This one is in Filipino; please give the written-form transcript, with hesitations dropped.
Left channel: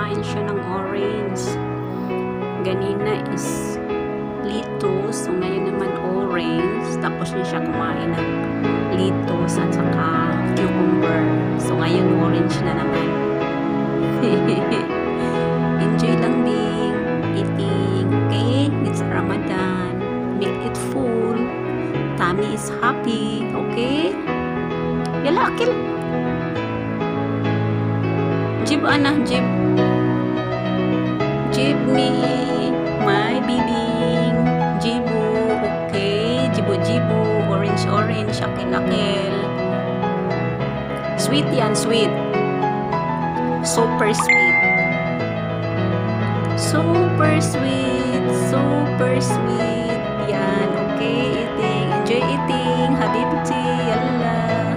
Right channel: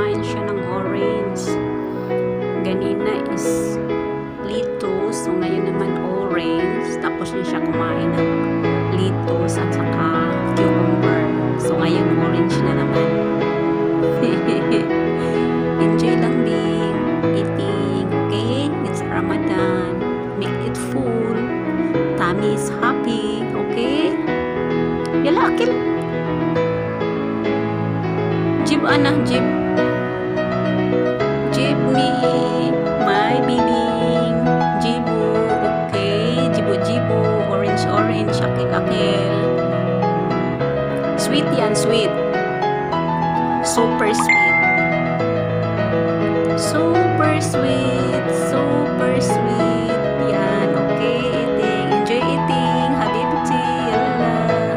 kumain siya ng orange. Ganina is lettuce, so ngayon naman orange. Tapos niya siya kumain ng lettuce at saka cucumber. So ngayon orange na naman. Enjoy lang Bing, eating, okay? It's Ramadan. Make it full. Tummy is happy, okay? Yala, akil. Jib Ana, jib. Jib me, my bibing. Jibu, okay? Jibu, orange, akil. Sweet yan, sweet. Super sweet. Super sweet. Yan, okay? Eating. Enjoy eating. Habibti. Yalla.